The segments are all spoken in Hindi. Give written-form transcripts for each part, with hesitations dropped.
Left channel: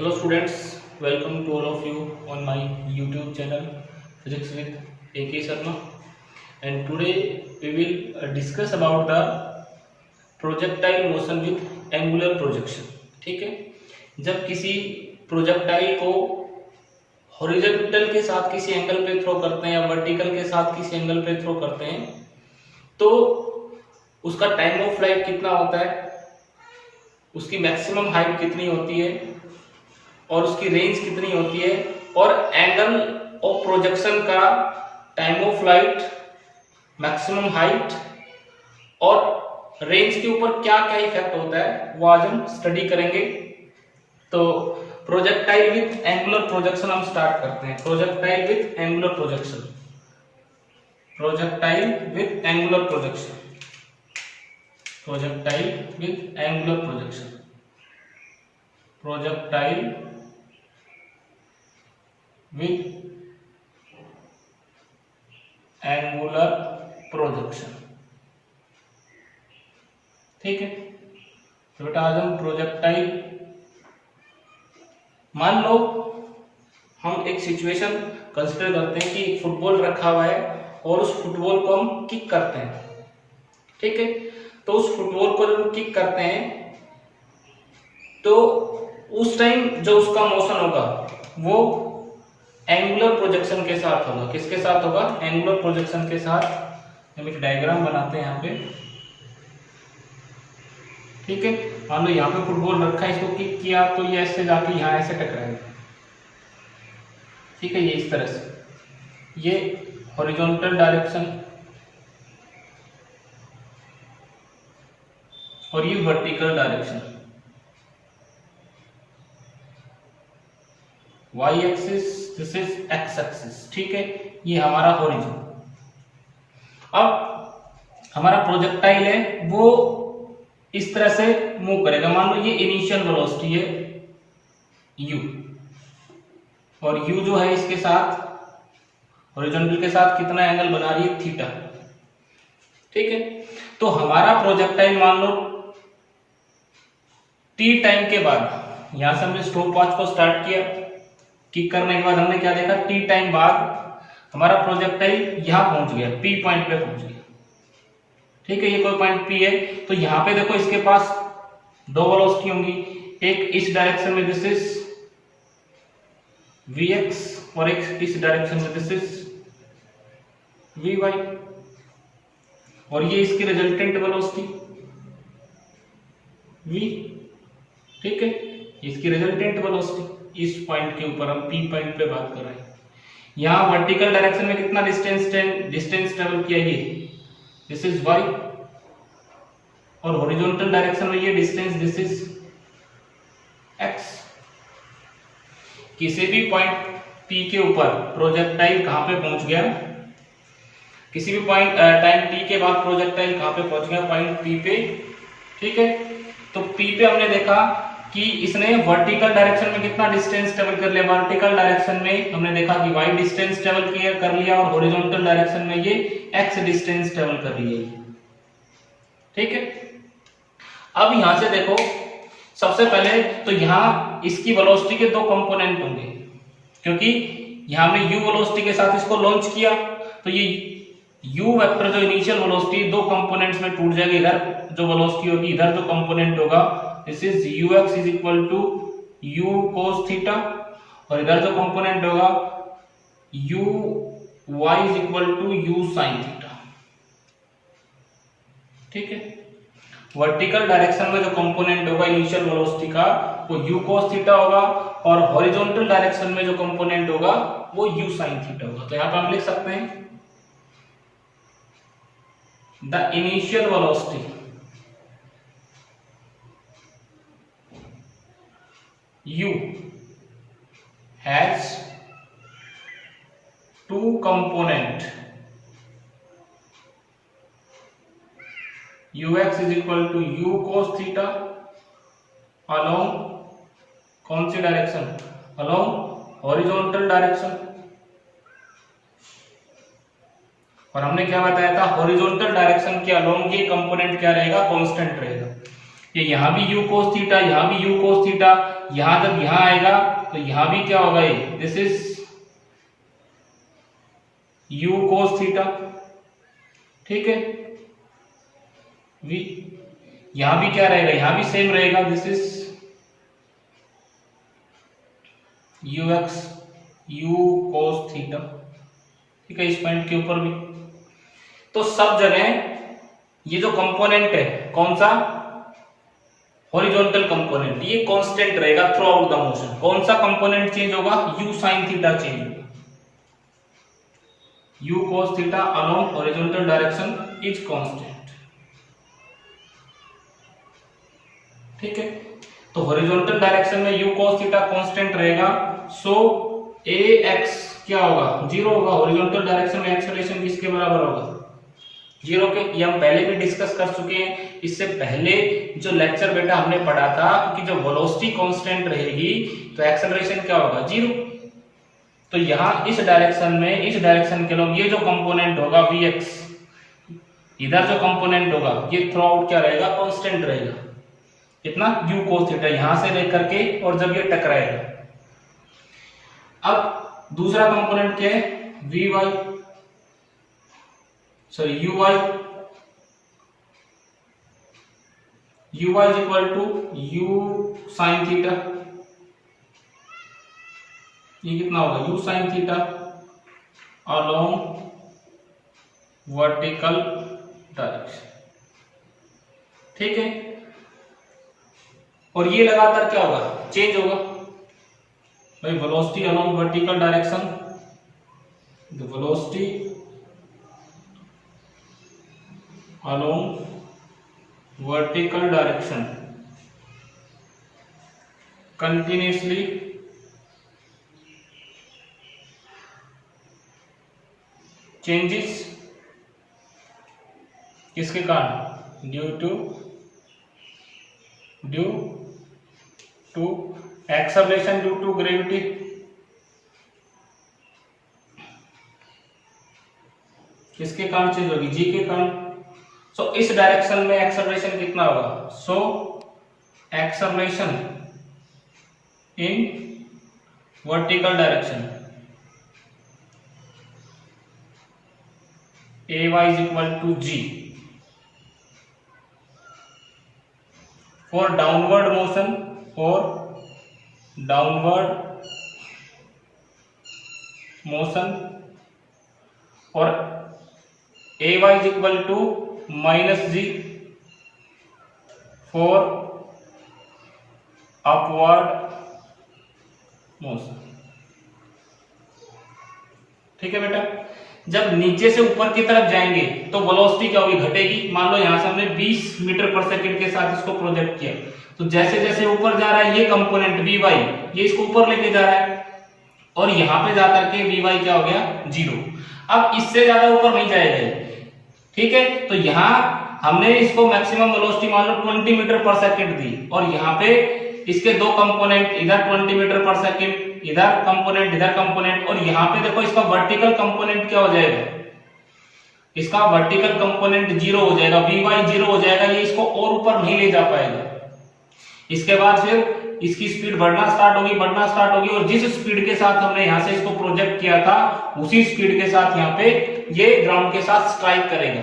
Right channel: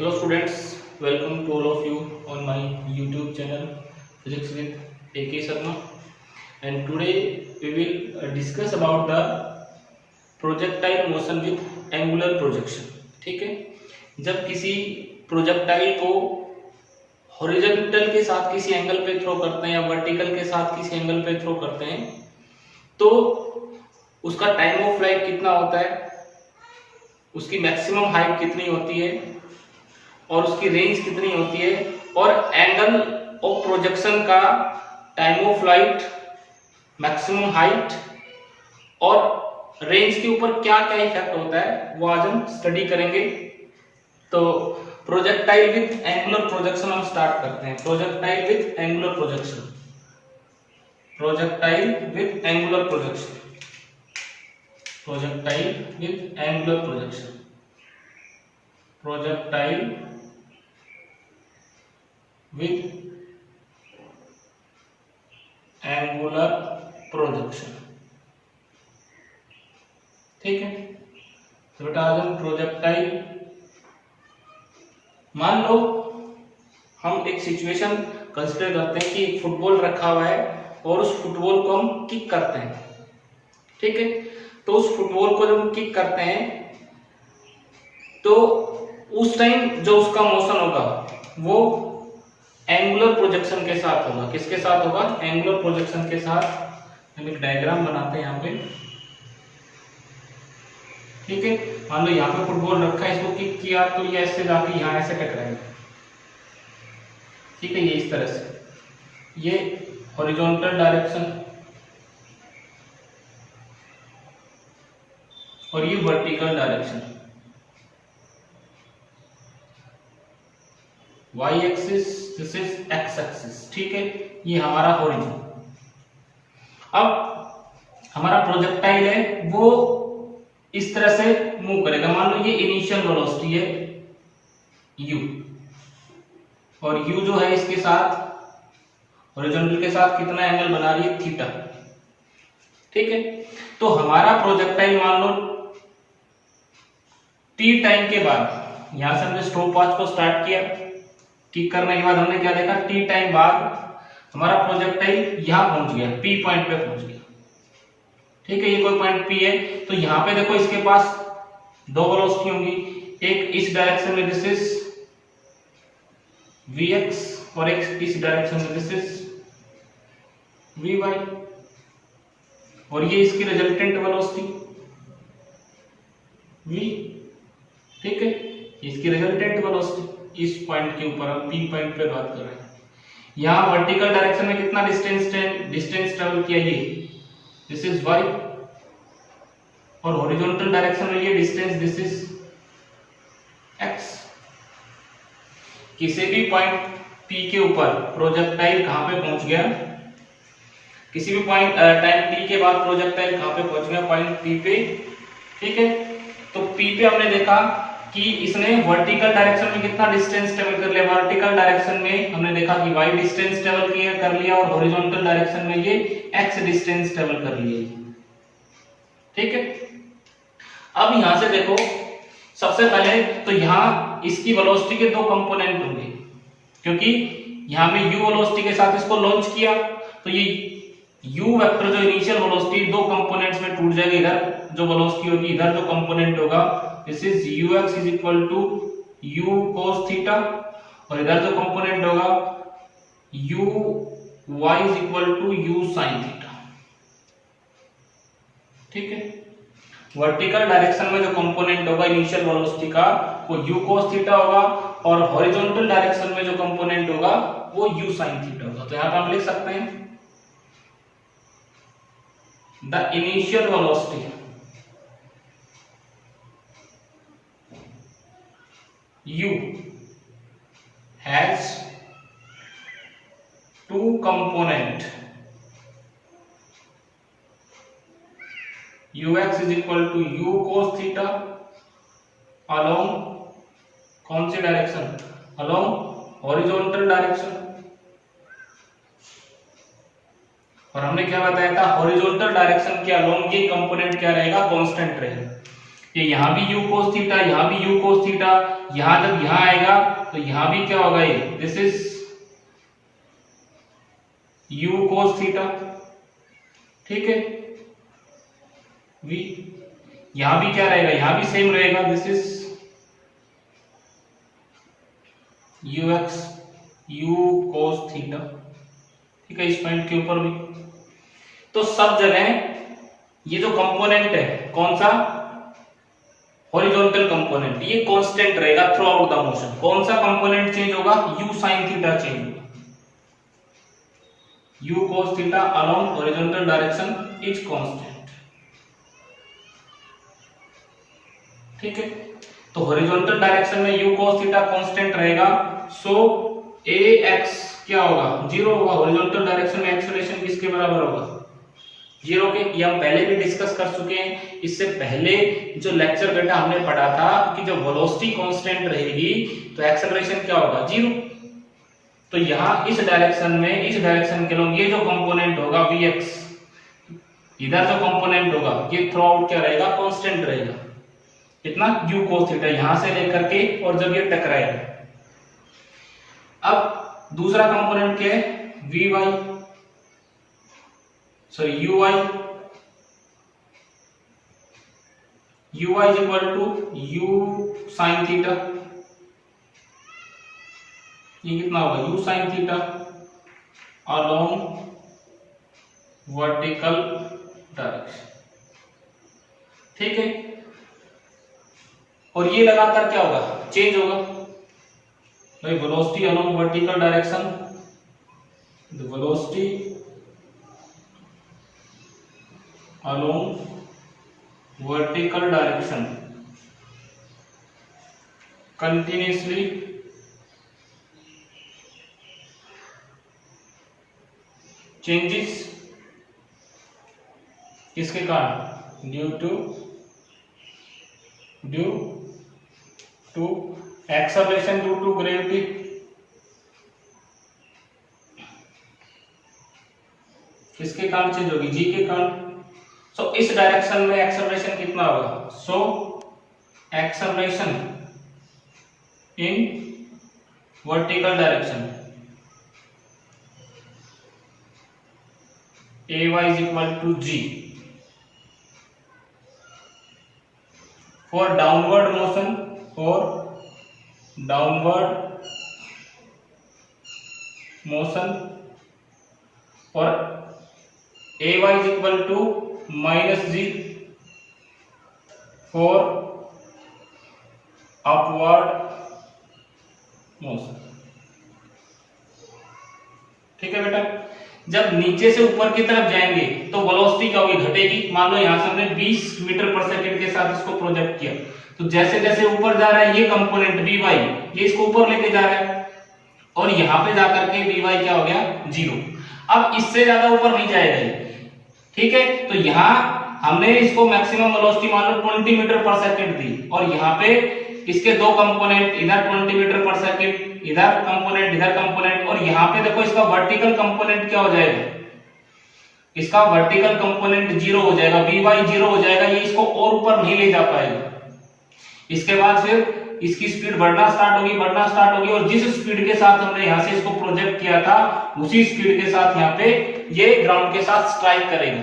Hello students, welcome to all of you on my YouTube channel Physics with AK Sharma, and today we will discuss about the projectile motion with angular projection. ठीक है, जब किसी प्रोजेक्टाइल को हॉरिजॉन्टल के साथ किसी एंगल पे थ्रो करते हैं या वर्टिकल के साथ किसी एंगल पे थ्रो करते हैं तो उसका टाइम ऑफ फ्लाइट कितना होता है, उसकी मैक्सिमम हाइट कितनी होती है और उसकी रेंज कितनी होती है और एंगल ऑफ प्रोजेक्शन का time of flight, maximum height और रेंज के ऊपर क्या क्या इफेक्ट होता है वो आज हम स्टडी करेंगे। तो प्रोजेक्टाइल विथ एंगुलर प्रोजेक्शन हम स्टार्ट करते हैं। Projectile with angular projection, projectile with angular projection, projectile with angular projection, projectile with angular projection। ठीक है, तो बेटा आज हम प्रोजेक्टाइल, मान लो हम एक सिचुएशन कंसीडर करते हैं कि एक फुटबॉल रखा हुआ है और उस फुटबॉल को हम किक करते हैं। ठीक है, तो उस फुटबॉल को जब हम किक करते हैं तो उस टाइम जो उसका मोशन होगा वो एंगुलर प्रोजेक्शन के साथ होगा। किसके साथ होगा? एंगुलर प्रोजेक्शन के साथ। हम एक डायग्राम बनाते हैं यहाँ पे। ठीक है, मान लो यहाँ पे फुटबॉल रखा है, इसको किक किया तो ये ऐसे जाके यहाँ ऐसे टकराएगा। ठीक है, ये इस तरह से, ये हॉरिजॉन्टल डायरेक्शन और ये vertical direction, y axis, this is x axis. ठीक है, ये हमारा हॉरिजॉन। अब हमारा प्रोजेक्टाइल है वो इस तरह से मूव करेगा। मान लो ये इनिशियल वेलोसिटी है u और u जो है इसके साथ हॉरिजॉन्टल के साथ कितना एंगल बना रही है? थीटा। ठीक है, तो हमारा प्रोजेक्टाइल मान लो t टाइम के बाद, यहां से हमने स्टॉप वॉच को स्टार्ट किया, किक करने के बाद हमने क्या देखा, टी टाइम बाद हमारा प्रोजेक्टाइल यहां पहुंच गया, पी पॉइंट पे पहुंच गया। ठीक है, ये कोई पॉइंट पी है, तो यहां पे देखो इसके पास दो वेलोसिटी होंगी, एक इस डायरेक्शन में दिस इज vx और एक इस डायरेक्शन में दिस इज vy, और ये इसकी रिजल्टेंट वेलोसिटी v। ठीक है, इसकी रिजल्टेंट वेलोसिटी इस पॉइंट के ऊपर, हम पी पॉइंट पे बात कर रहे हैं। यहां वर्टिकल डायरेक्शन में कितना डिस्टेंस ट्रेवल किया, ये दिस इज y, और हॉरिजॉन्टल डायरेक्शन में ये डिस्टेंस दिस इज x। किसी भी पॉइंट p के ऊपर प्रोजेक्टाइल कहां पे पहुंच गया, किसी भी पॉइंट टाइम t के बाद प्रोजेक्टाइल कहां पे पहुंच गया? पॉइंट p पे। ठीक है, तो p पे हमने देखा कि इसने वर्टिकल डायरेक्शन में कितना डिस्टेंस ट्रेवल कर लिया। वर्टिकल डायरेक्शन में हमने देखा कि y डिस्टेंस ट्रेवल किया कर लिया और हॉरिजॉन्टल डायरेक्शन में ये x डिस्टेंस ट्रेवल कर लिया। ठीक है, अब यहां से देखो, सबसे पहले तो यहां इसकी वेलोसिटी के दो कंपोनेंट होंगे, क्योंकि यहां में u वेलोसिटी के साथ इसको लॉन्च किया तो ये u वेक्टर जो इनिशियल वेलोसिटी दो कंपोनेंट्स में टूट जाएगा। इधर जो वेलोसिटी होगी, इधर जो कंपोनेंट होगा this is ux is equal to u cos theta, और इधर जो कंपोनेंट होगा uy is equal to u sin theta. ठीक है, वर्टिकल डायरेक्शन में जो कंपोनेंट होगा इनिशियल वेलोसिटी का वो u cos थीटा होगा, और हॉरिजॉन्टल डायरेक्शन में जो कंपोनेंट होगा वो u sin थीटा होगा। तो यहां पे हम लिख सकते हैं the initial velocity u has two component, ux is equal to u cos theta along कौन सी डायरेक्शन? along horizontal direction. और हमने क्या बताया था, हॉरिजॉन्टल डायरेक्शन के अलोंग ये कंपोनेंट क्या रहेगा? कांस्टेंट रहेगा। ये यहाँ भी u cos थीटा, यहाँ भी u cos थीटा, यहाँ जब यहाँ आएगा तो यहाँ भी क्या होगा, ये this is u cos theta, ठीक है। v यहाँ भी क्या रहेगा, यहाँ भी सेम रहेगा, this is ux u cos theta, ठीक है, इस पॉइंट के ऊपर भी। तो सब जगह ये जो कंपोनेंट है कौन सा, हॉरिजॉन्टल कंपोनेंट, ये कांस्टेंट रहेगा थ्रू आउट द मोशन। कौन सा कंपोनेंट चेंज होगा, u sin थीटा चेंज होगा, u cos theta along horizontal direction is constant, ठीक है। तो हॉरिजॉन्टल डायरेक्शन में u cos थीटा कांस्टेंट रहेगा, सो ax क्या होगा, 0 होगा। हॉरिजॉन्टल डायरेक्शन में एक्सेलरेशन किसके बराबर होगा, 0 के। ये हम पहले भी डिस्कस कर चुके हैं। इससे पहले जो लेक्चर बेटा हमने पढ़ा था कि जो वेलोसिटी कांस्टेंट रहेगी तो एक्सेलरेशन क्या होगा, 0। तो यहाँ इस डायरेक्शन में, इस डायरेक्शन के लोग, ये जो कंपोनेंट होगा vx, इधर जो कंपोनेंट होगा ये थ्रू आउट क्या रहेगा, कांस्टेंट रहेगा, कितना, u cos थीटा, यहां से लेकर के और जब ये टकराएगा। अब दूसरा कंपोनेंट क्या है, vy, sorry uy, uy is equal to u sin theta, ये कितना होगा, u sin theta along vertical direction, ठीक है। और ये लगातार क्या होगा, चेंज होगा भाई, velocity along vertical direction, the velocity along vertical direction continuously changes, किसके कारण, due to acceleration due to gravity, किसके कारण चेंज होगी, जी के कारण। सो इस डायरेक्शन में एक्सेलरेशन कितना होगा, so acceleration in vertical direction ay is equal to g, for downward motion, और ay is equal to minus g for upward motion, ठीक है बेटा। जब नीचे से ऊपर की तरफ जाएंगे तो वेलोसिटी क्या होगी, घटेगी। मान लो यहां से हमने 20 मीटर पर सेकंड के साथ इसको प्रोजेक्ट किया, तो जैसे जैसे ऊपर जा रहा है ये कंपोनेंट vy, ये इसको ऊपर लेके जा रहा है, और यहां पे जाकर के vy क्या हो गया, 0। अब इससे ज्यादा ऊपर नहीं जाएगा ये, ठीक है। तो यहां हमने इसको मैक्सिमम वेलोसिटी मान लो 20 मीटर पर सेकंड दी, और यहां पे इसके दो कंपोनेंट, इधर 20 मीटर पर सेकंड, इधर कंपोनेंट, और यहां पे देखो इसका वर्टिकल कंपोनेंट क्या हो जाएगा, इसका वर्टिकल कंपोनेंट 0 हो जाएगा, vy 0 हो जाएगा, ये इसको और ऊपर नहीं ले जा पाएगा। इसके बाद फिर इसकी स्पीड बढ़ना स्टार्ट होगी, और जिस स्पीड के साथ हमने यहां से इसको प्रोजेक्ट किया था उसी स्पीड के साथ यहाँ पे ये ग्राउंड के साथ स्ट्राइक करेगा,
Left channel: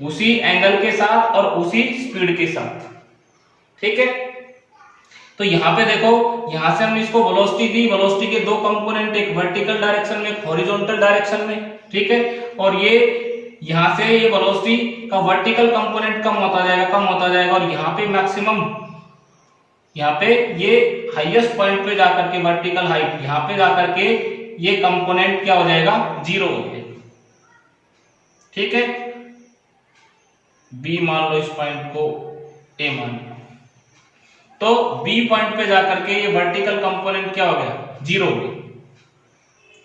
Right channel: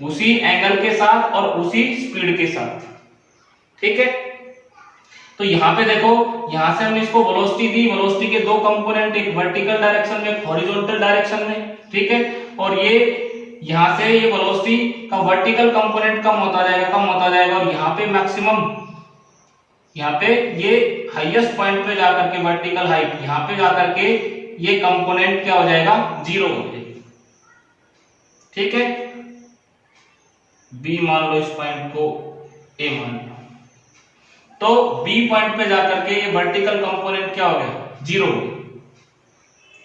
उसी एंगल के साथ और उसी स्पीड के साथ, ठीक है। तो यहाँ पे देखो, यहां से हमने इसको वेलोसिटी दी, वेलोसिटी के दो कंपोनेंट, एक वर्टिकल डायरेक्शन में, एक हॉरिजॉन्टल डायरेक्शन में, ठीक है। और ये यहां से ये वेलोसिटी का वर्टिकल कंपोनेंट कम होता जाएगा, और यहाँ पे मैक्सिमम, यहाँ पे ये हाईएस्ट पॉइंट पे जाकर के वर्टिकल हाइट, यहाँ पे जाकर के ये कंपोनेंट क्या हो जाएगा, 0 हो जाएगा, ठीक है। B मान लो, इस पॉइंट को A मान लो, तो B पॉइंट पे जाकर के ये वर्टिकल कंपोनेंट क्या हो गया, 0 हो गया,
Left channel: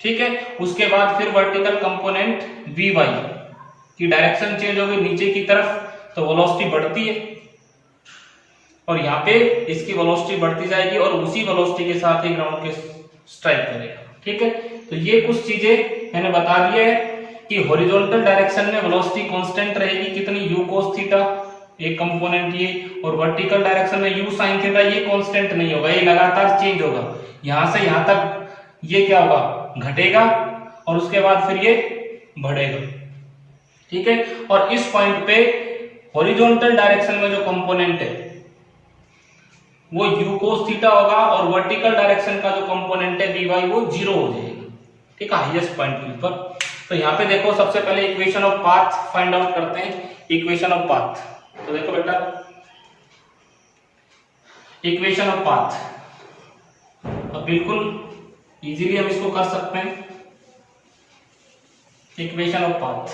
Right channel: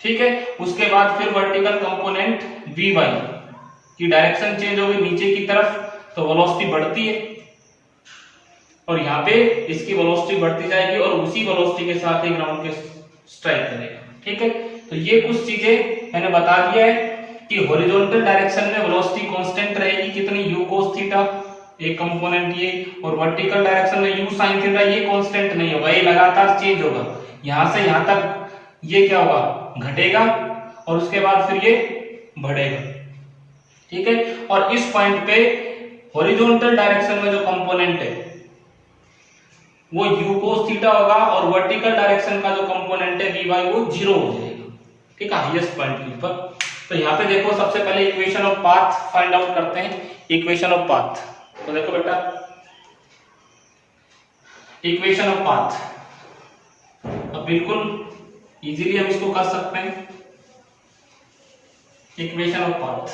ठीक है। उसके बाद फिर वर्टिकल कंपोनेंट Vy की डायरेक्शन चेंज हो गई नीचे की तरफ, तो वेलोसिटी बढ़ती है, और यहाँ पे इसकी वेलोसिटी बढ़ती जाएगी, और उसी वेलोसिटी के साथ ही ग्राउंड के स्ट्राइक करेगा, ठीक है। तो ये कुछ चीजें मैंने बता दिया है कि हॉरिजॉन्टल डायरेक्शन में वेलोसिटी कांस्टेंट रहेगी, कितनी, u cos थीटा, एक कंपोनेंट ये, और वर्टिकल डायरेक्शन में u sin थीटा ये कांस्टेंट नहीं होगा, ये लगातार चेंज होगा, यहां से यहां तक ये क्या होगा, घटेगा और उसके बाद फिर ये बढ़ेगा, ठीक है। और इस पॉइंट पे हॉरिजॉन्टल डायरेक्शन में जो कंपोनेंट है वो u cos थीटा होगा और वर्टिकल डायरेक्शन का जो कंपोनेंट है vy वो 0 हो जाएगा, ठीक है, हाईएस्ट पॉइंट के ऊपर। तो यहाँ पे देखो सबसे पहले equation of path find out करते हैं, इक्वेशन ऑफ पाथ। तो देखो बेटा इक्वेशन ऑफ पाथ, अब बिल्कुल इजीली हम इसको कर सकते हैं। इक्वेशन ऑफ पाथ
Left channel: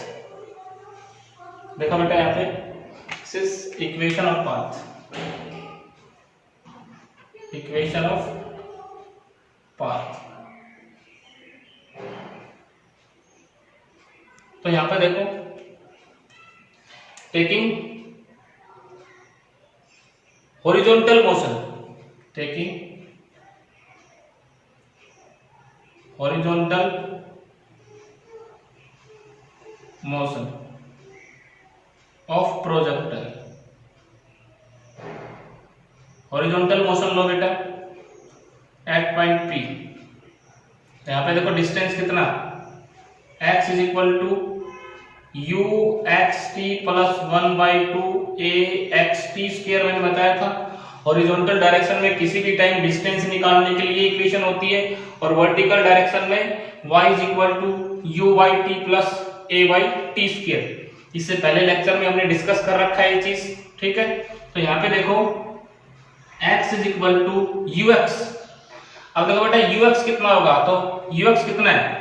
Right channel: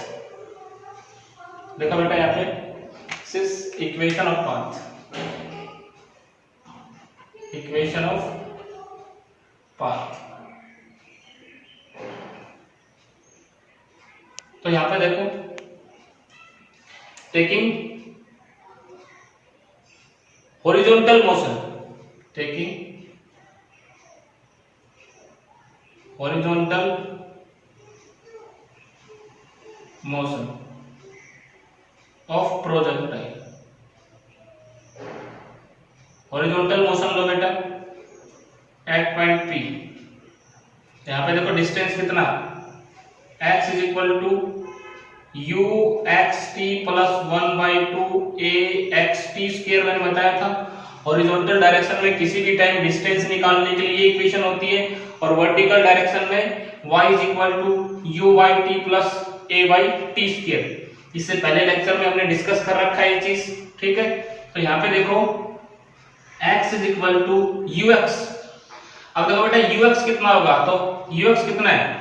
देखो बेटा यहाँ पे equation of path, equation of path. तो यहां पर देखो taking horizontal motion, taking horizontal motion of projectile, horizontal motion लो बेटा एट पॉइंट P, यहां पे देखो डिस्टेंस कितना, x is equal to you x T plus 1/2 A x T square मैंने बताया था। हॉरिजॉन्टल डायरेक्शन में किसी भी टाइम डिस्टेंस निकालने के लिए इक्वेशन होती है, और वर्टिकल डायरेक्शन में y is equal to U by T plus A by T square. इससे पहले लेक्चर में हमने डिस्कस कर रखा है ये चीज, ठीक है। तो यहाँ पे देखो x is equal to you X, अब देखो बेटा यू एक्स कितना होगा, तो यू एक्स कितना है,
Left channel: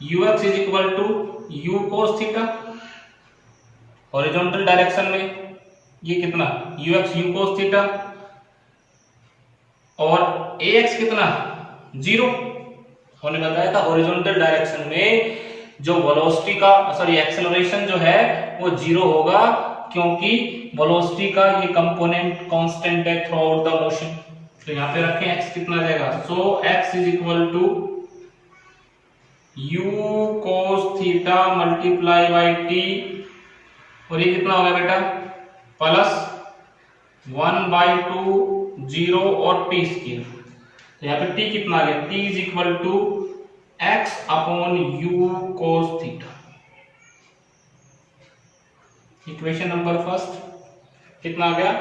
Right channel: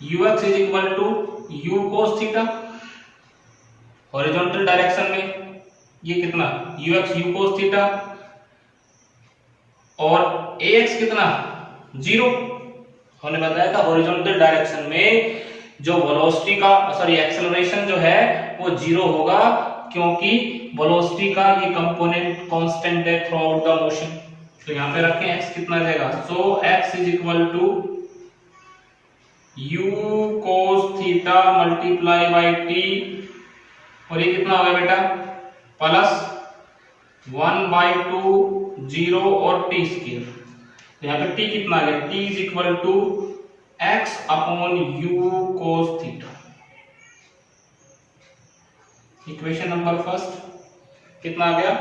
ux is equal to u cos theta, horizontal direction में ये कितना ux u cos थीटा, और ax कितना 0, हमने बताया था हॉरिजॉन्टल डायरेक्शन में जो वेलोसिटी का एक्सेलरेशन जो है वो 0 होगा, क्योंकि वेलोसिटी का ये कंपोनेंट कांस्टेंट है थ्रू आउट द मोशन। तो यहाँ पे रखें x कितना आ जाएगा, so x is equal to u cos theta multiply by t, और ये कितना होगा बेटा प्लस 1/2 0 और t स्क्वायर। तो यहाँ पे t कितना आ गया, t is equal to x upon u cos theta. Equation number first कितना आ गया,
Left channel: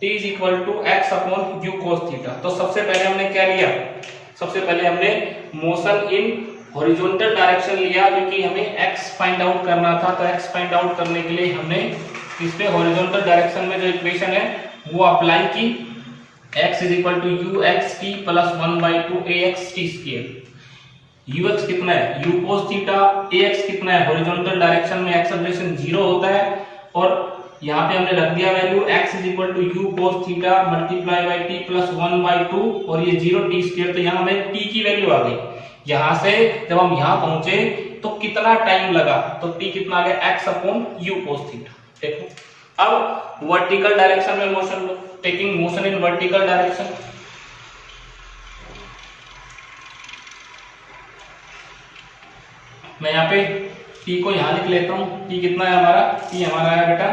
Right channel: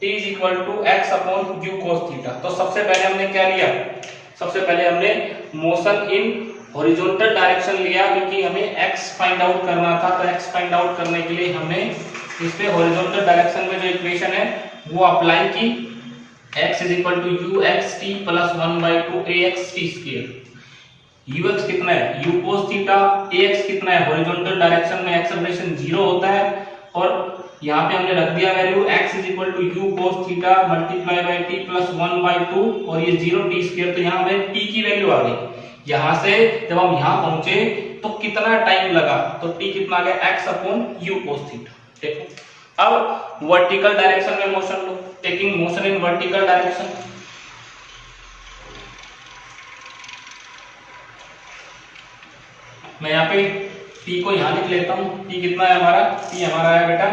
t is equal to x upon u cos theta. तो सबसे पहले हमने क्या लिया, सबसे पहले हमने मोशन इन हॉरिजॉन्टल डायरेक्शन लिया, क्योंकि हमें x फाइंड आउट करना था। तो x फाइंड आउट करने के लिए हमने इस पे हॉरिजॉन्टल डायरेक्शन में जो इक्वेशन है वो अप्लाई की, x is equal to you x T plus 1/2 A x T square. U x कितना है u cos theta, a x कितना है, हॉरिजॉन्टल डायरेक्शन में एक्सेलरेशन 0 होता है, और यहाँ पे हमने रख दिया value x is equal to u cos theta multiply by t plus 1/2 और ये 0 t स्क्वायर। तो यहाँ हमें t की वैल्यू आ गई। यहां से जब हम यहां पहुंचे तो कितना टाइम लगा, तो t कितना आ गया x upon u cos theta. देखो अब वर्टिकल डायरेक्शन में motion low, taking motion in vertical direction. मैं यहाँ पे t को यहां लिख लेता हूं, t कितना है हमारा, t हमारा है बेटा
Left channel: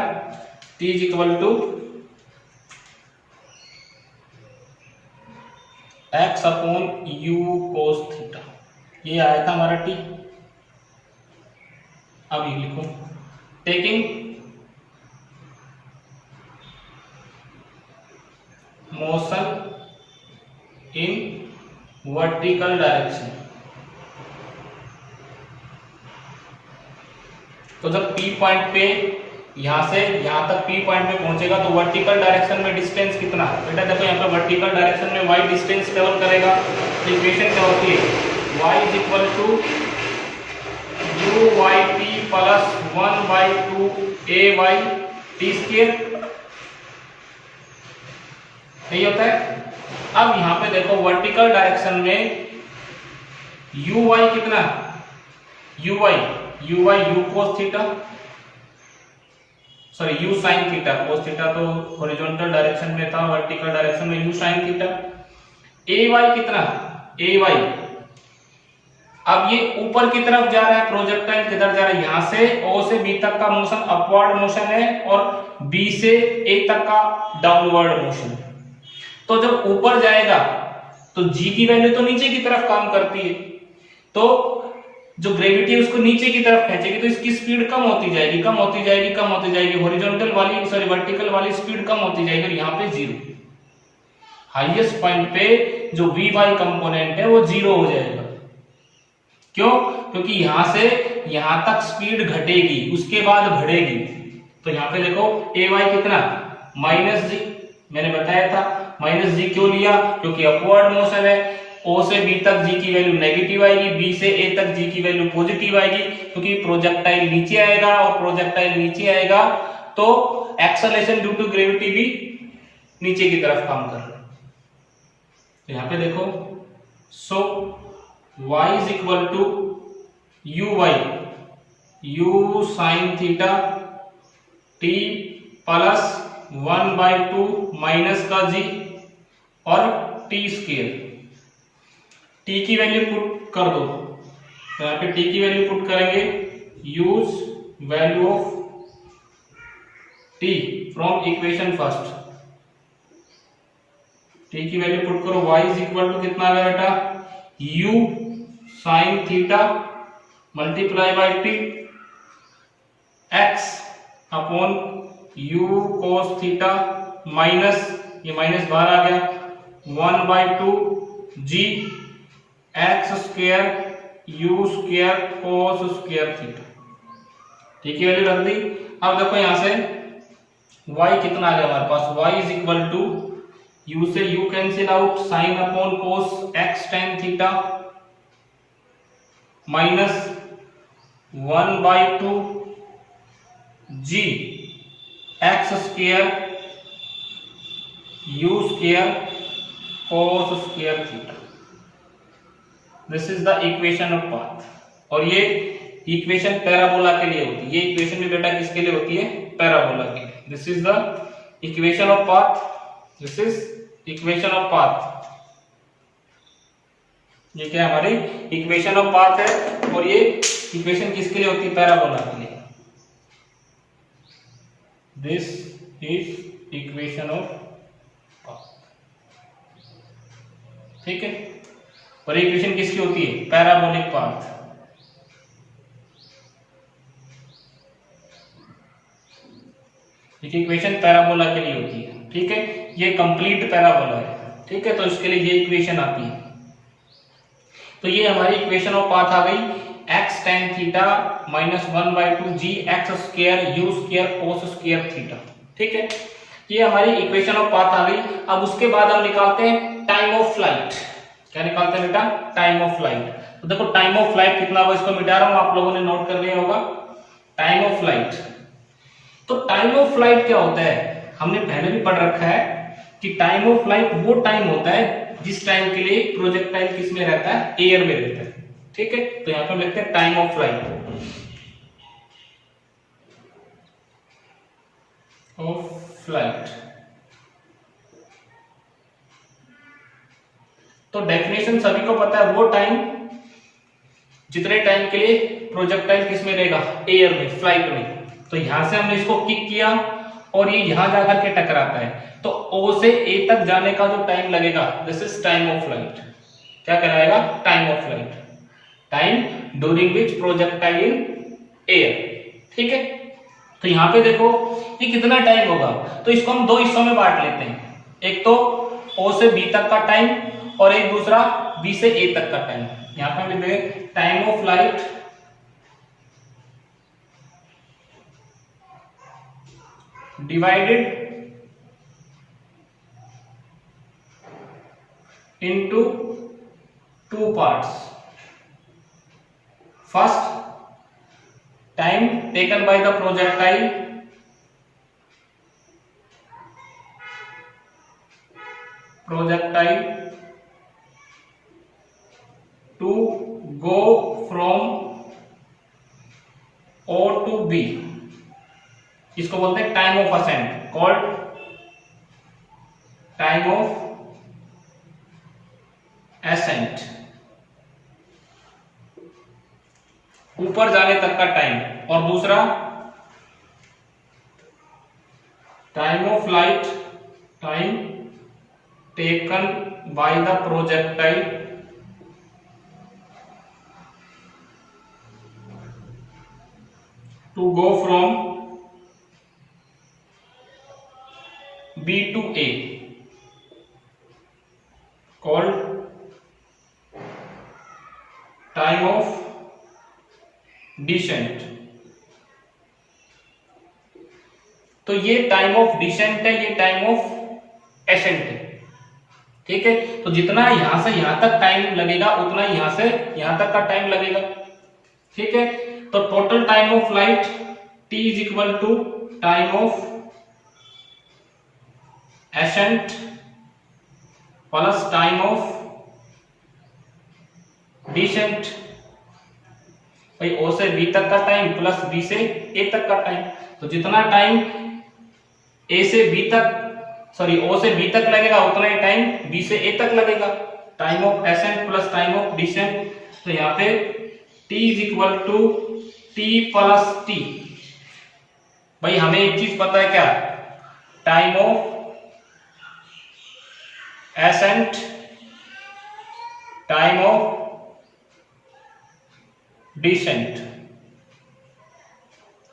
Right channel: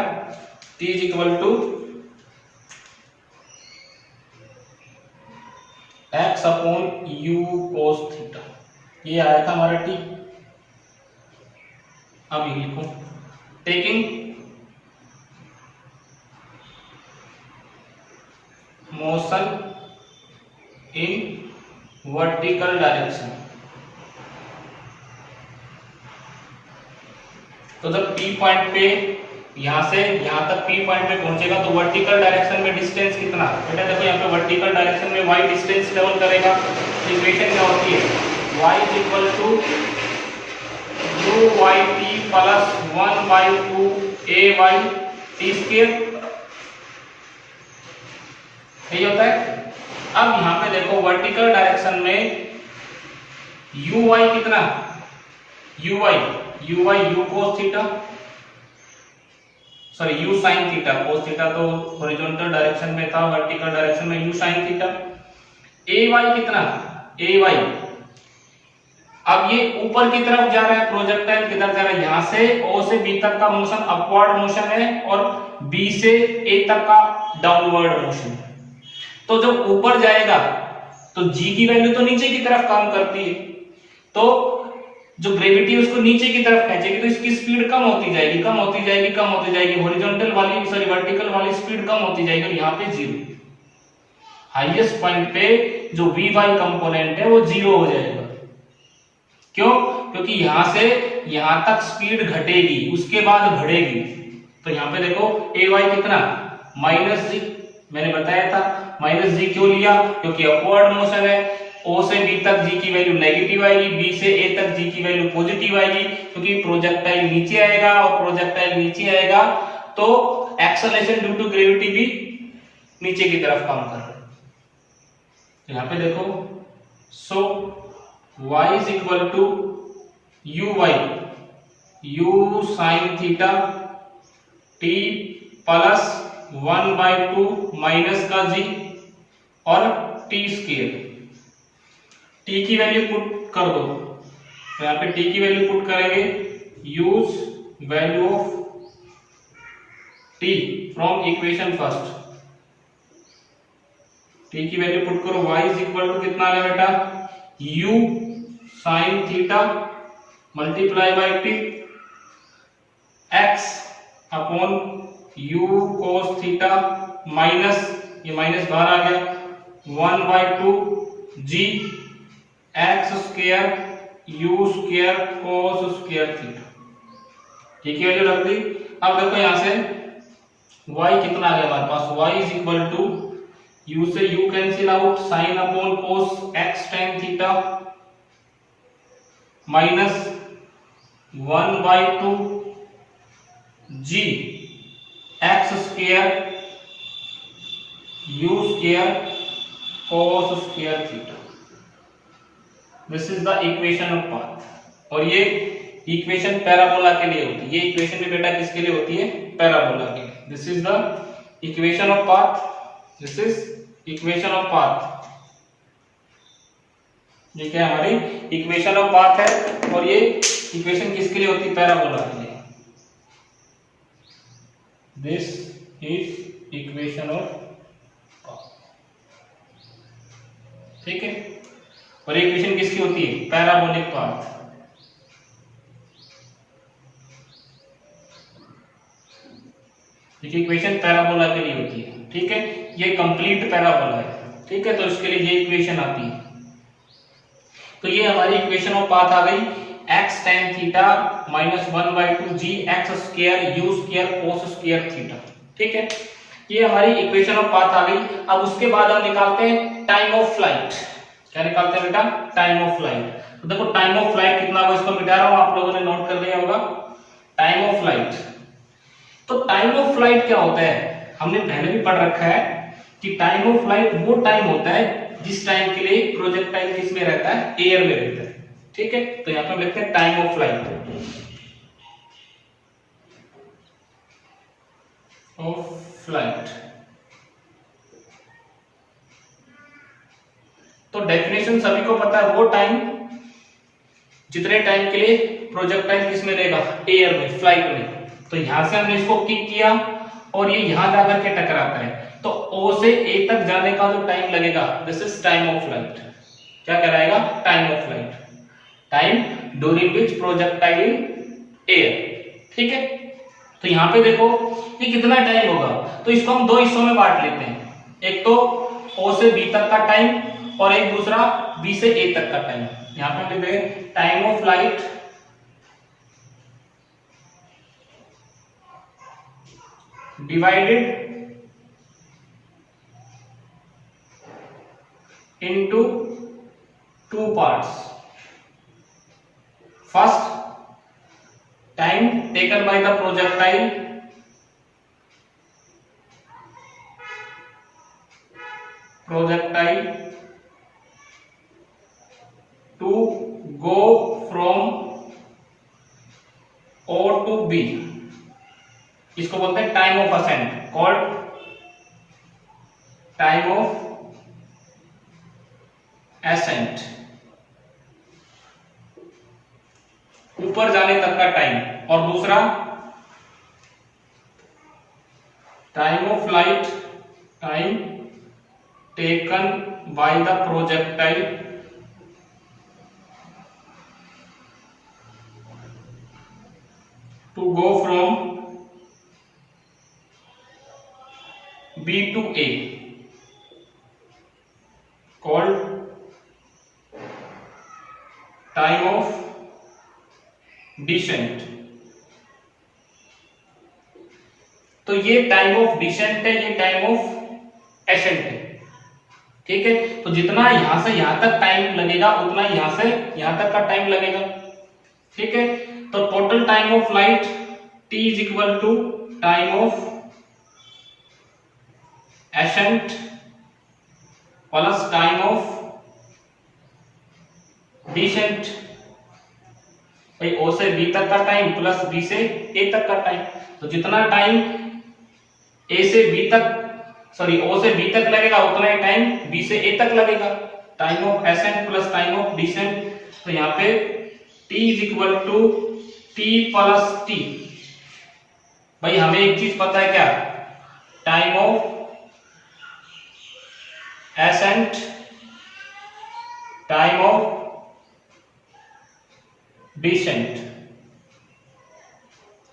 t is equal to x upon u cos theta, ये आया था हमारा t। अब ये लिखो taking motion in vertical direction. तो जब P पॉइंट पे यहां से यहां तक P पॉइंट पे पहुंचेगा तो वर्टिकल डायरेक्शन में डिस्टेंस कितना है बेटा, देखो यहाँ पे वर्टिकल डायरेक्शन में y डिस्टेंस ट्रेवल करेगा। इक्वेशन क्या होती है, y is equal to u y t plus 1/2 a y t square, यही होता है। अब यहां पे देखो वर्टिकल डायरेक्शन में यू वाई कितना, u y u cos theta, sorry u sin theta, cos theta तो हॉरिजॉन्टल डायरेक्शन में था, वर्टिकल डायरेक्शन में u sin theta. A y कितना, ए वाई अब ये ऊपर की तरफ जा रहा है, प्रोजेक्टाइल किधर जा रहा है, यहां से O से B तक का मोशन अपवर्ड मोशन है और B से A तक का डाउनवर्ड मोशन है। तो जब ऊपर जाएगा तो G की वैल्यू तो नीचे की तरफ काम करती है, तो जो ग्रेविटी उसको नीचे की तरफ खींचेगी, तो इसकी स्पीड कम होती जाएगी, कम होती जाएगी, कम होती जाएगी, हॉरिजॉन्टल वाली सॉरी वर्टिकल वाली स्पीड कम होती जाएगी और यहाँ पे जीरो, हाईएस्ट पॉइंट पे जो Vy कंपोनेंट है वो जीरो हो जाएगा। क्यों? क्योंकि यहां से यहां तक स्पीड घटेगी, उसके बाद बढ़ेगी। तो यहां पे देखो Ay कितना -g, मैंने बताया था -g क्यों लिया, क्योंकि अपवर्ड मोशन है, O से B तक g की वैल्यू नेगेटिव आएगी, B से A तक g की वैल्यू पॉजिटिव आएगी, क्योंकि प्रोजेक्टाइल नीचे आएगा और प्रोजेक्टाइल नीचे आएगा तो एक्सेलरेशन ड्यू टू ग्रेविटी भी नीचे की तरफ काम कर रहा है। तो यहां पे देखो, सो y is equal to uy u sin theta t plus 1/2 minus का g और t स्क्वायर, t की वैल्यू पुट कर दो, तो यहाँ पे t की वैल्यू पुट करेंगे, use value of t from equation first, t की वैल्यू पुट करो, y इज इक्वल टू कितना आ गया बेटा, u sine theta multiply by T x upon u cos theta minus, ये माइनस बाहर आ गया, 1/2 g x square u square cos square theta, ठीक है वैल्यू रख दी। अब देखो यहां से y कितना आ गया हमारे पास, y is equal to u से u cancel out, sine upon cos x tan theta minus 1/2 g x square u square cos square theta, this is the equation of path. और ये इक्वेशन पैराबोला के लिए होती है, ये इक्वेशन भी बेटा किसके लिए होती है, पैराबोला के लिए। This is the equation of path, this is equation of path, ये क्या हमारी इक्वेशन ऑफ पाथ है और ये इक्वेशन किसके लिए होती है, पैराबोला के लिए। This is equation of path, ठीक है, और इक्वेशन किसकी होती है, पैराबोलिक पाथ। इक्वेशन पैराबोला के लिए होती है, ठीक है, ये कंप्लीट पैराबोला है, ठीक है, तो इसके लिए ये इक्वेशन आती है। तो ये हमारी इक्वेशन ऑफ पाथ आ गई, x tan theta minus 1/2 g x square u square cos square theta, ठीक है, ये हमारी इक्वेशन ऑफ पाथ आ गई। अब उसके बाद हम निकालते हैं टाइम ऑफ फ्लाइट। क्या निकालते हैं बेटा, टाइम ऑफ फ्लाइट। तो देखो टाइम ऑफ फ्लाइट कितना होगा, इसको मिटा रहा हूं, आप लोगों ने नोट कर लिया होगा। टाइम ऑफ फ्लाइट, तो टाइम ऑफ फ्लाइट क्या होता है, हमने पहले भी पढ़ रखा है कि टाइम ऑफ फ्लाइट वो टाइम होता है जिस टाइम के लिए प्रोजेक्टाइल किस में रहता है, एयर में रहता है, ठीक है। तो यहां पर हम लिखते हैं टाइम ऑफ फ्लाइट, तो डेफिनेशन सभी को पता है, वो टाइम जितने टाइम के लिए प्रोजेक्टाइल किस में रहेगा, एयर में, फ्लाइट में। तो यहां से हमने इसको किक किया और ये यहां जाकर के टकराता है, तो O से A तक जाने का जो टाइम लगेगा, this is time of flight. क्या कहलाएगा, time of flight, time during which projectile air, ठीक है। तो यहां पे देखो ये कितना टाइम होगा, तो इसको हम दो हिस्सों में बांट लेते हैं, एक तो O से B तक का टाइम और एक दूसरा B से A तक का टाइम। यहां पे हम लिखते हैं time of flight divided into two parts. First, time taken by the projectile to go from O to B, इसको बोलते हैं time of ascent, called time of ascent, ऊपर जाने तक का टाइम, और दूसरा time of flight, time taken by the projectile to go from B to A, called time of descent। तो ये टाइम ऑफ डिसेंट है, ये टाइम ऑफ एसेंट है, ठीक है। तो जितना यहां से यहां तक टाइम लगेगा उतना यहां से यहां तक का टाइम लगेगा, ठीक है। तो total time of flight T is equal to time of ascent plus time of descent. भाई O से B तक का टाइम प्लस B से A तक का टाइम, तो जितना टाइम A से B तक सॉरी O से B तक लगेगा उतना ही टाइम B से A तक लगेगा। Time of ascent plus time of descent, तो यहाँ पे T is equal to T plus T। भाई हमें एक चीज पता है क्या, time of ascent, time of descent,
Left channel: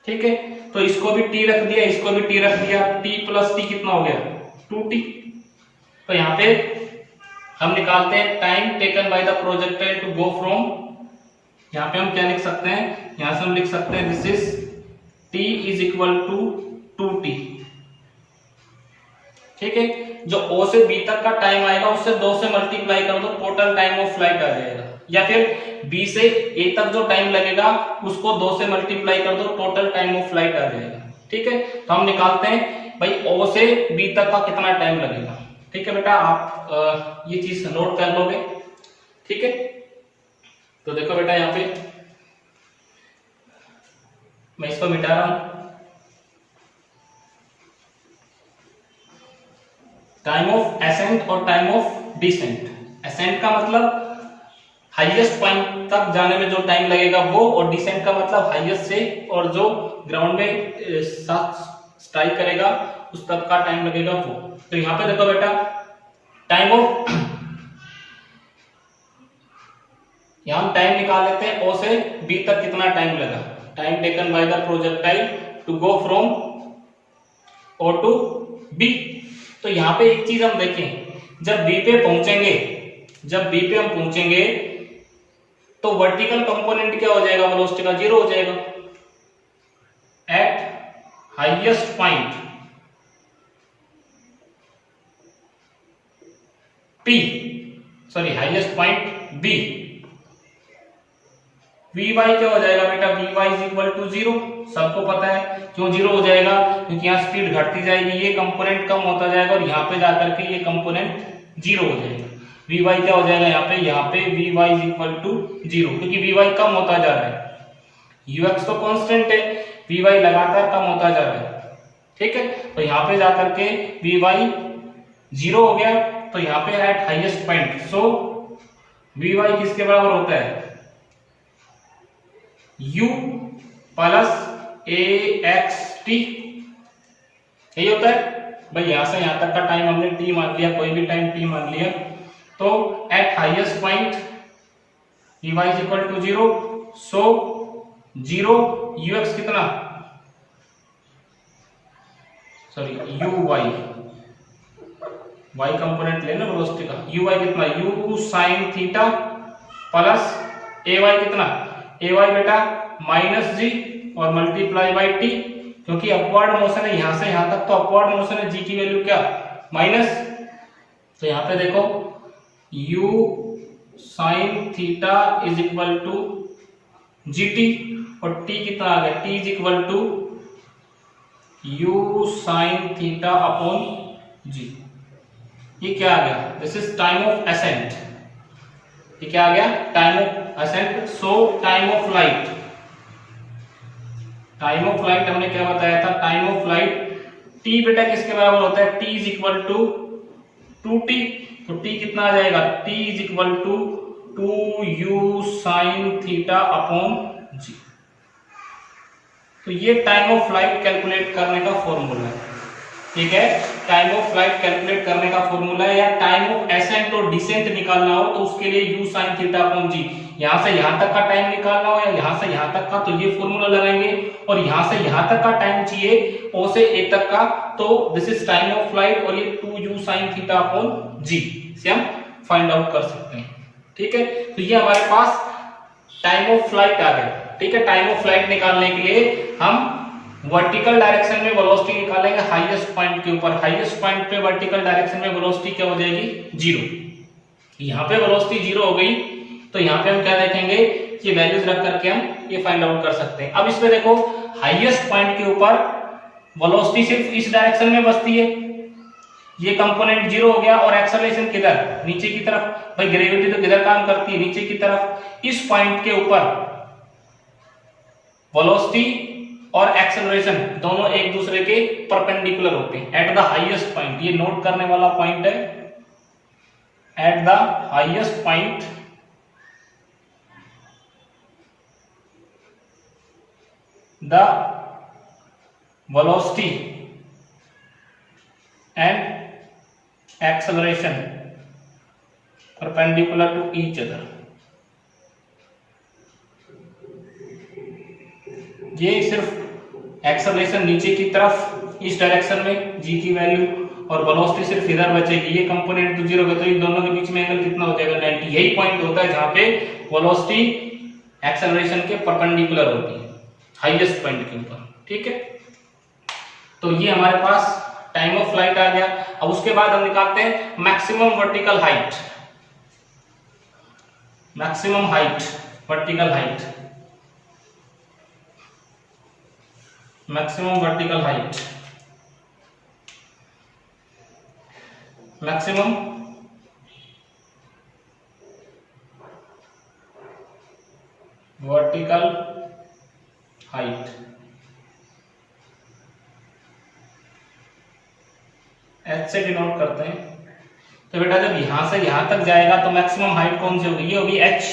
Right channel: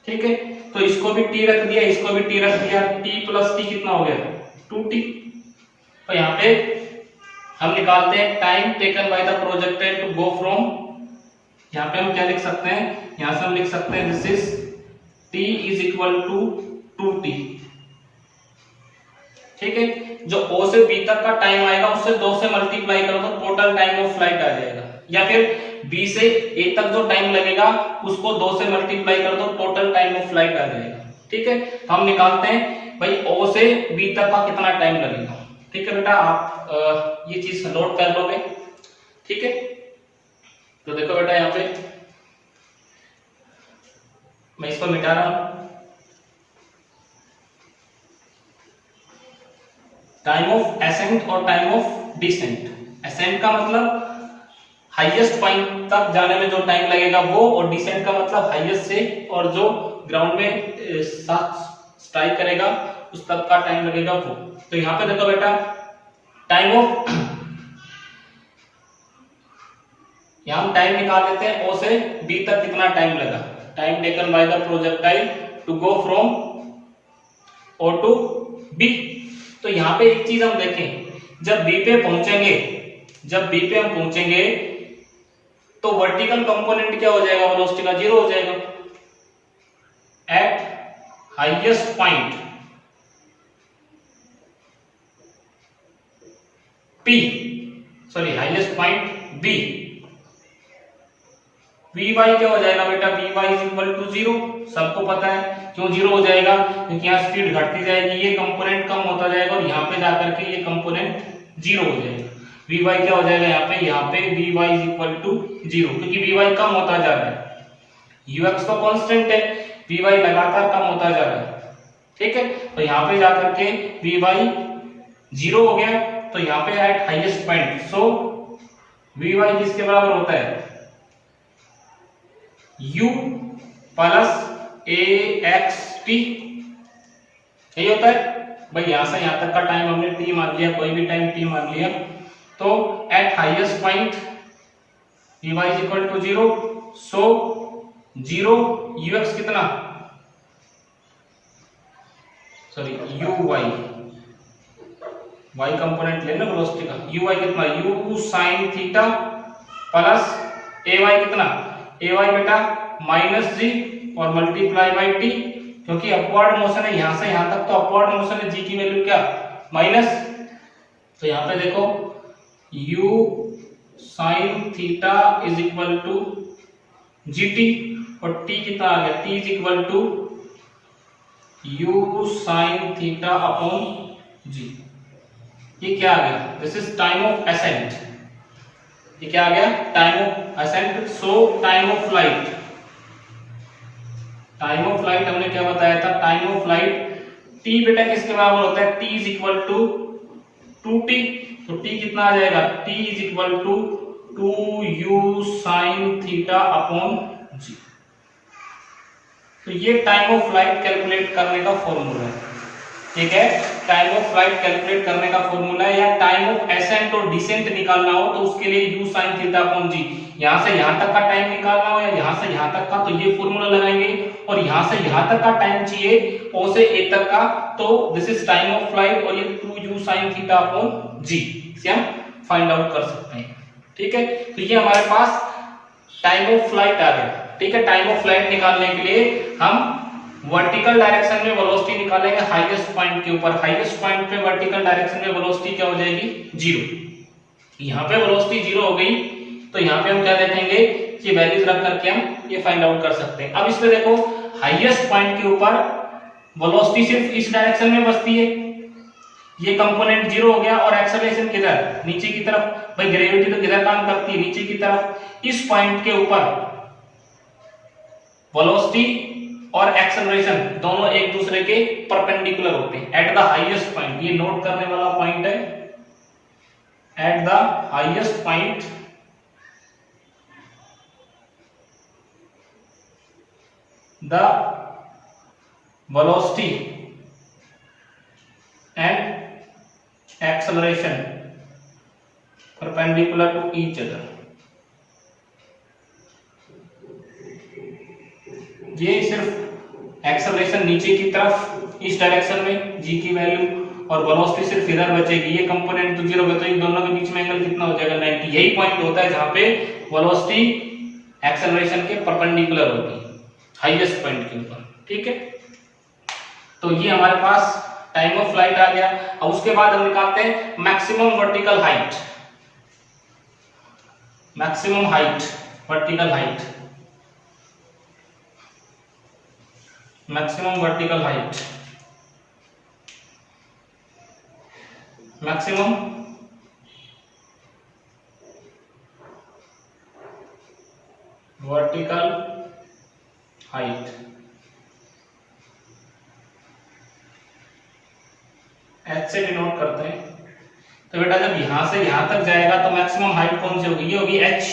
ठीक है। तो इसको भी T रख दिया, इसको भी T रख दिया, T प्लस T कितना हो गया 2T। तो यहाँ पे हम निकालते हैं time taken by the projectile to go from, यहाँ पे हम क्या लिख सकते हैं, यहां से हम लिख सकते हैं this is T is equal to 2T, ठीक है। जो O से B तक का टाइम आएगा उससे 2 से मल्टीप्लाई कर दो, टोटल टाइम ऑफ फ्लाइट आ जाएगा। या फिर B से A तक जो टाइम लगेगा उसको 2 से मल्टीप्लाई कर दो, टोटल टाइम ऑफ फ्लाइट आ जाएगा, ठीक है। तो हम निकालते हैं भाई O से B तक का कितना टाइम लगेगा, ठीक है बेटा। आप ये चीज नोट कर लोगे, ठीक है। तो देखो बेटा यहाँ पे मैं इसको मिटा रहा हूं। टाइम ऑफ एसेंट और टाइम ऑफ डिसेंट। एसेंट का मतलब हाईएस्ट पॉइंट तक जाने में जो टाइम लगेगा वो, और डिसेंट का मतलब हाईएस्ट से और जो ग्राउंड में स्ट्राइक करेगा उस तक का टाइम लगेगा वो। तो यहाँ पे देखो बेटा टाइम ऑफ, यहाँ हम टाइम निकाल लेते हैं O से B तक कितना टाइम लगा, time taken by the projectile to go from O to B। तो यहाँ पे एक चीज हम देखें, जब B पे पहुंचेंगे, जब B पे हम पहुंचेंगे तो वर्टिकल कंपोनेंट क्या हो जाएगा, वेलोसिटी का 0 हो जाएगा। Eight highest point P, sorry highest point B, Vy क्या हो जाएगा बेटा, Vy इज इक्वल टू 0। सबको पता है क्यों 0 हो जाएगा, क्योंकि यहाँ स्पीड घटती जाएगी, ये कंपोनेंट कम होता जाएगा और यहाँ पे जाकर के ये कंपोनेंट 0 हो जाएगा। Vy क्या हो जाएगा यहाँ पे Vy इज इक्वल टू 0, क्योंकि Vy कम होता जा रहा है। Ux तो कांस्टेंट है, Vy लगातार कम होता जा रहा है, ठीक है। तो यहाँ पे जाकर के Vy 0 हो गया, तो यहाँ पे एट हाईएस्ट पॉइंट, सो Vy किसके बराबर होता है, U प्लस AXT, यही होता है। भाई यहां से यहां तक का टाइम हमने T मान लिया, कोई भी टाइम T मान लिया, तो at highest point Vy is equal to 0, so 0 Ux कितना, सॉरी Uy, y कंपोनेंट लेना वेलोसिटी का, Uy कितना U sin थीटा प्लस Ay कितना, Ay बेटा माइनस G और मल्टीप्लाई बाई T, क्योंकि अपवर्ड मोशन है यहां से यहां तक, तो अपवर्ड मोशन है G की वैल्यू क्या माइनस। तो यहां पे देखो U sin theta is equal to GT, और T कितना आ गया, T is equal to U sin theta upon G। ये क्या आ गया, this is time of ascent. ये क्या आ गया, time of ascent. So time of flight, time of flight हमने क्या बताया था, टाइम ऑफ फ्लाइट T बेटा किसके बराबर होता है, T is equal to 2T। तो T कितना आ जाएगा, T is equal to 2U sin theta upon G। तो ये टाइम ऑफ फ्लाइट कैलकुलेट करने का फॉर्मूला है, ठीक है। टाइम ऑफ फ्लाइट कैलकुलेट करने का फॉर्मूला है, या टाइम ऑफ एसेंट और डिसेंट निकालना हो तो उसके लिए u sin theta upon g, यहां से यहां तक का टाइम निकालना हो या यहां से यहां तक का, तो ये फॉर्मूला लगाएंगे। और यहां से यहां तक का टाइम चाहिए o से a तक का, तो this is time of flight, और ये 2u sin theta upon g से हम फाइंड आउट कर सकते हैं, ठीक है। तो ये हमारे पास टाइम ऑफ फ्लाइट आ गया, ठीक है। टाइम ऑफ फ्लाइट निकालने के लिए हम वर्टिकल डायरेक्शन में वेलोसिटी निकालेंगे हाईएस्ट पॉइंट के ऊपर। हाईएस्ट पॉइंट पे वर्टिकल डायरेक्शन में वेलोसिटी क्या हो जाएगी, 0। यहाँ पे वेलोसिटी 0 हो गई, तो यहाँ पे हम क्या देखेंगे कि वैल्यूज रख करके हम ये फाइंड आउट कर सकते हैं। अब इसमें देखो हाईएस्ट पॉइंट के ऊपर वेलोसिटी सिर्फ इस डायरेक्शन में बसती है, ये कंपोनेंट 0 हो गया, और एक्सेलरेशन किधर, नीचे की तरफ। भाई ग्रेविटी तो किधर काम करती है, नीचे की तरफ। इस पॉइंट के ऊपर वेलोसिटी और एक्सेलरेशन दोनों एक दूसरे के परपेंडिकुलर होते हैं एट द हाईएस्ट पॉइंट। ये नोट करने वाला पॉइंट है, at the highest point the velocity and acceleration perpendicular to each other. ये सिर्फ एक्सेलरेशन नीचे की तरफ इस डायरेक्शन में g की वैल्यू, और वेलोसिटी सिर्फ इधर बचेगी। ये कंपोनेंट तो 0 होगा, तो इन दोनों के बीच में एंगल कितना हो जाएगा, 90। यही पॉइंट होता है जहां पे वेलोसिटी एक्सेलरेशन के परपेंडिकुलर होती है हाईएस्ट पॉइंट के ऊपर, ठीक है। तो ये हमारे पास टाइम ऑफ फ्लाइट आ गया। अब उसके बाद हम निकालते हैं maximum vertical height. Maximum height, vertical height, maximum vertical height, maximum vertical height. H से डिनोट करते हैं। तो बेटा जब यहां से यहां तक जाएगा तो मैक्सिमम हाइट कौन सी होगी, ये होगी एच,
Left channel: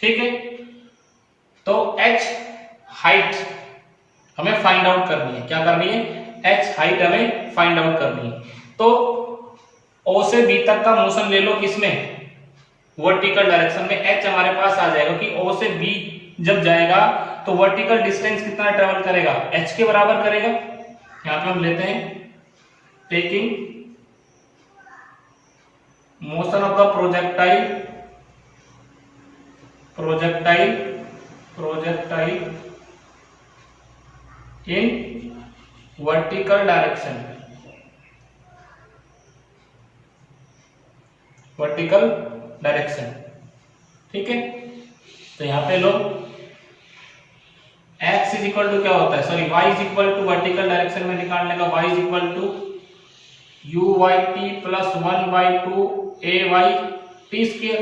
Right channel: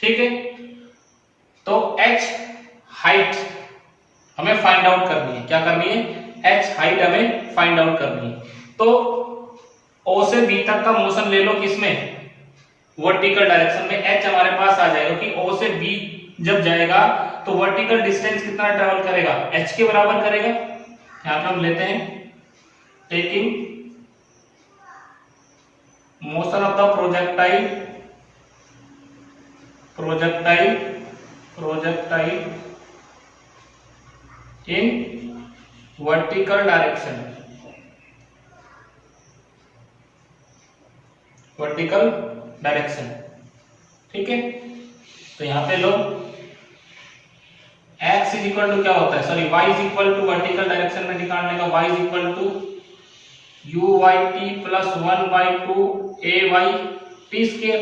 ठीक है। तो एच हाइट हमें फाइंड आउट करनी है, क्या करनी है, एच हाइट हमें फाइंड आउट करनी है। तो ओ से बी तक का मोशन ले लो, किसमें, वर्टिकल डायरेक्शन में। एच हमारे पास आ जाएगा कि ओ से बी जब जाएगा तो वर्टिकल डिस्टेंस कितना ट्रेवल करेगा, एच के बराबर करेगा। यहां पे हम लेते हैं taking motion of the projectile, projectile in vertical direction, vertical direction, ठीक है। तो यहां पे लो x इज इक्वल टू क्या होता है, sorry y is equal to vertical direction में निकालने का y is equal to u y t plus 1 by 2 a y t square.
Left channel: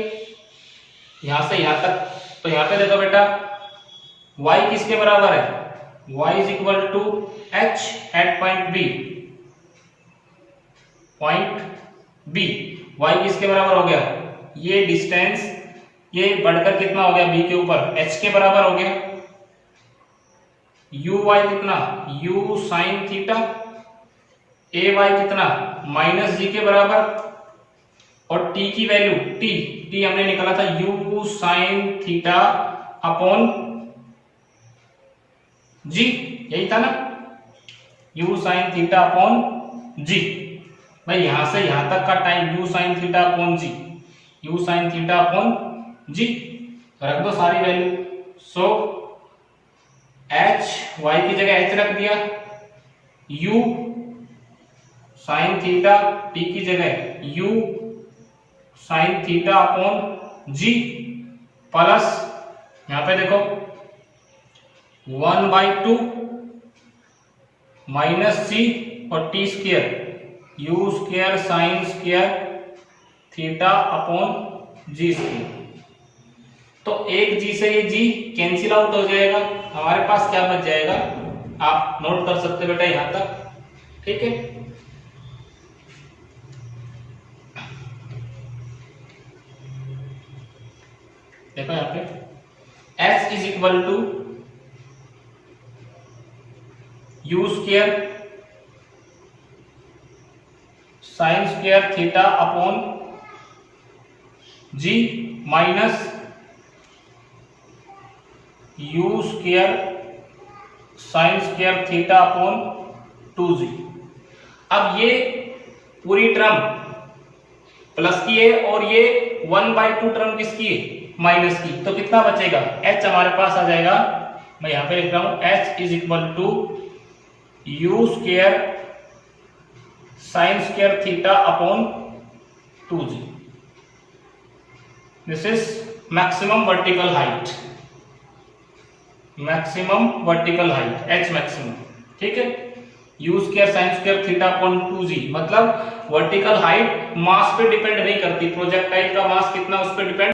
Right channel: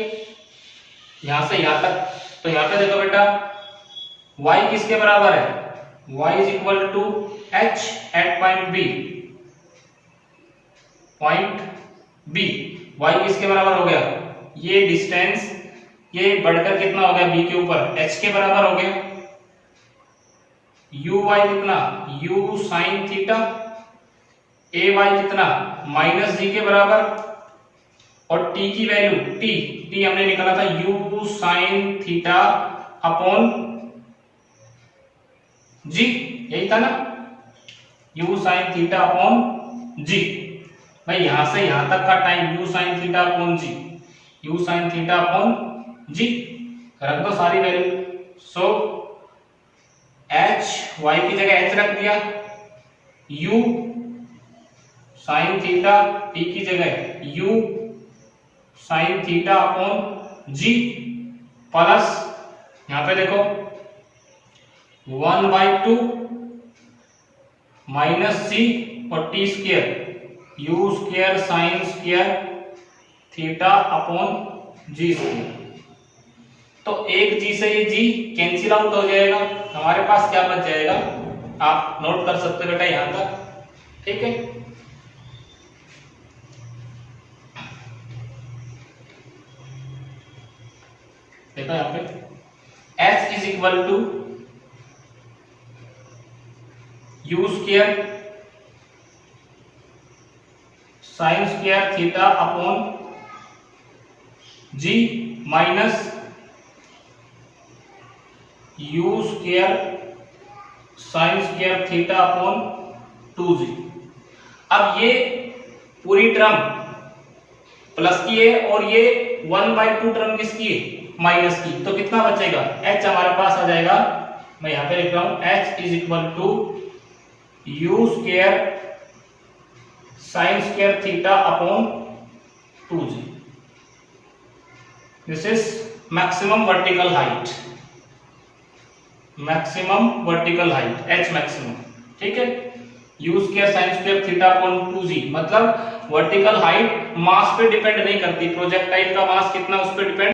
यहां से यहां तक, तो यहां पे देखो बेटा y किसके बराबर है, y is equal to h at point b, point b y किसके बराबर हो गया, ये डिस्टेंस ये बढ़कर कितना हो गया b के ऊपर, h के बराबर हो गया। u y कितना, u sin theta, a y कितना माइनस g के बराबर, और t की वैल्यू t हमने निकाला था u sin theta upon g, यही था ना, u sin theta upon g। भाई यहां से यहां तक का time u sin theta upon g, u sin theta upon g, रख दो सारी वैल्यू। सो h y की जगह h रख दिया, u sin थीटा t की जगह u sin theta upon g, plus यहां पे देखो 1 by 2 माइनस c और t square, u square sin square theta upon g square. तो एक g से ये g कैंसिल आउट हो जाएगा, हमारे पास क्या बच जाएगा, आप नोट कर सकते हो बेटा यहां तक, ठीक है। देखो यहां पे s is equal to square sine square theta upon g minus u square sine square theta upon 2g। अब ये पूरी टर्म प्लस की है और ये 1/2 टर्म किसकी है, माइनस की, तो कितना बचेगा, h हमारे पास आ जाएगा, मैं यहां पे लिख रहा हूं h is equal to u square sine square theta upon 2g। This is maximum vertical height, maximum vertical height h maximum, ठीक है। U square sine square theta upon 2g मतलब वर्टिकल हाइट मास पे डिपेंड नहीं करती, प्रोजेक्टाइल का मास कितना उस पे डिपेंड